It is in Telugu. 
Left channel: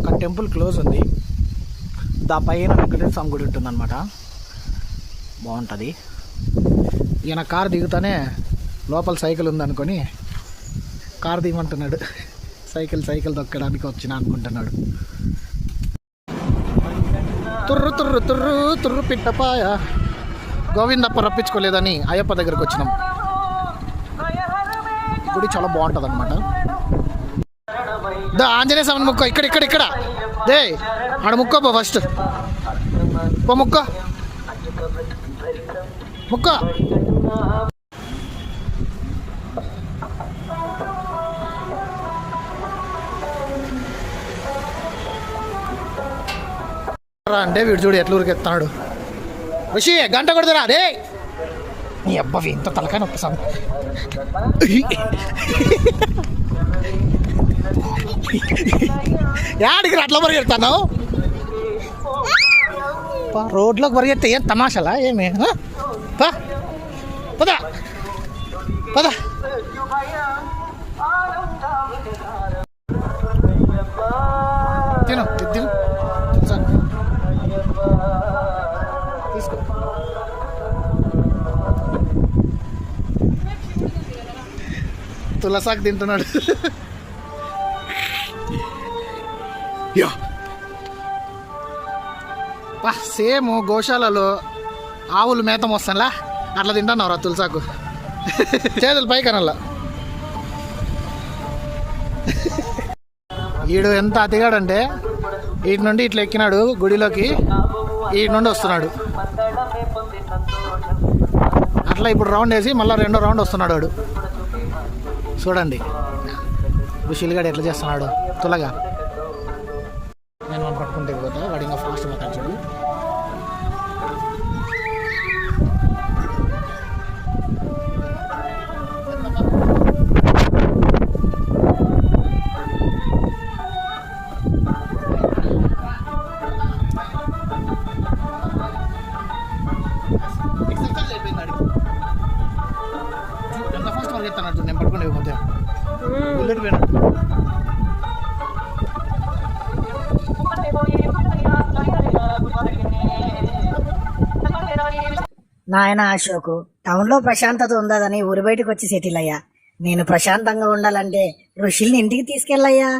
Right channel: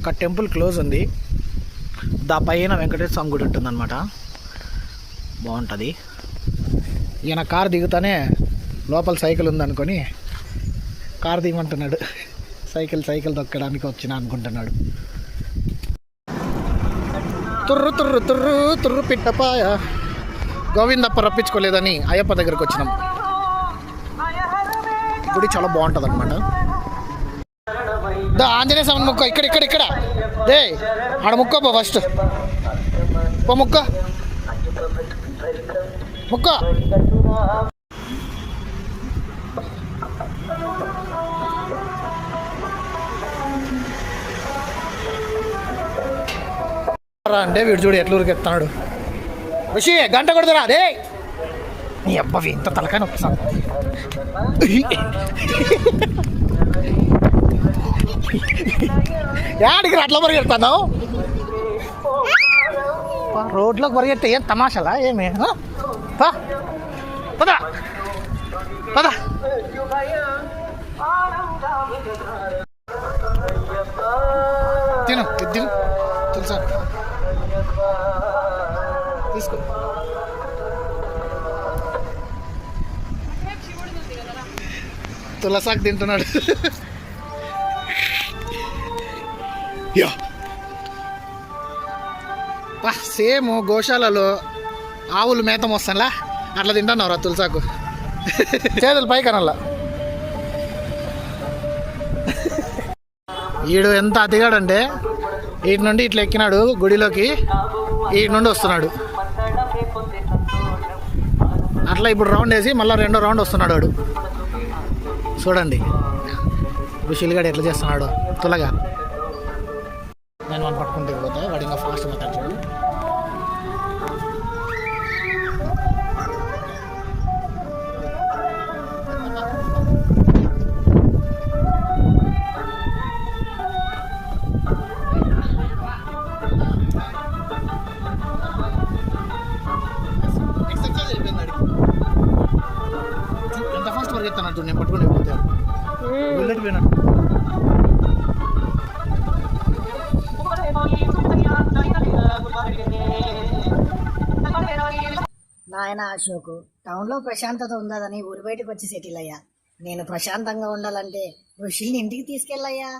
అక్కడ టెంపుల్ క్లోజ్ ఉంది. దా పైన వెంకటేశ్వర స్వామి గుడి ఉంటుందన్నమాట. బాగుంటుంది. ఈయన కారు దిగుతానే లోపల సైకిల్ ఉందనుకొని కారు దిగమంటున్నాడు. సైకిల్ తొక్కడానికి వచ్చిన అనుకుంటున్నాడు. తుర్రు తుర్రు తుర్రు తుర్రు పిట్టపాయ గోవిందప్ప రప్పించుకోలేదని అయ్యప్ప దగ్గరకు వచ్చినాం. గుడి చాలా బాగుంటుంది అనమాట. దా ఆంజనేయ స్వామి ముక్క ఇక్కడ దే ఆడ ముక్క పో ఫస్ట్ పో ముక్క అంటే వీడు చూడు ఎట్లా ఊరికెత్తాడు. ఋషి గంట కొడుతురా రే నీ అబ్బాయి ఇంత తలకాయ నొప్పిస్తాను. యాడికి అట్లా పరిగెడతాను? రోడ్లోకి పరిగెడితే ఏం తమాషాలా ఏమి? పద పద తిను తెలుసా తీసుకో. తులసాకు తింటున్నాడు. సేమ్ గోశాలలో ఆవులు మేతం వస్తానులా అట్లా తింటున్నావురా తులసాకు. చేతులు పైకనల్లా. ఈడు ఎంత అతిగాడంటే వీటి నుండి ఇట్లా ఎక్కినాడు గుడిలోకి, వీటి నుండి వస్తున్నాడు అట్లా. ఇప్పుడు రౌండ్ వేసి మళ్ళీ రెండో రౌండ్ వస్తున్నాడు వాడు. చూడండి ఋషిలుగాడు ఎట్లా చేస్తున్నాడు తులగా. నేను వాడిని పట్టుకుంటే పోతా, వాడు ఇంకా ఫాస్ట్ పోతాడు చూడు. ఎంత ఫాస్ట్ పరిగెత్తానట్టు నేను పట్టుకుని పోతే బుల్లెట్ పోయినట్టు. నాయన అశోకు, టౌన్లో ప్రశాంతత ఉండదని ఊరి బయటకు వచ్చి సెటిల్ అయ్యా. నేను ప్రశాంతంగా ఉండాలంటే ఋషుల్ని ఇంటికి తీసుకెళ్ళయ్యా.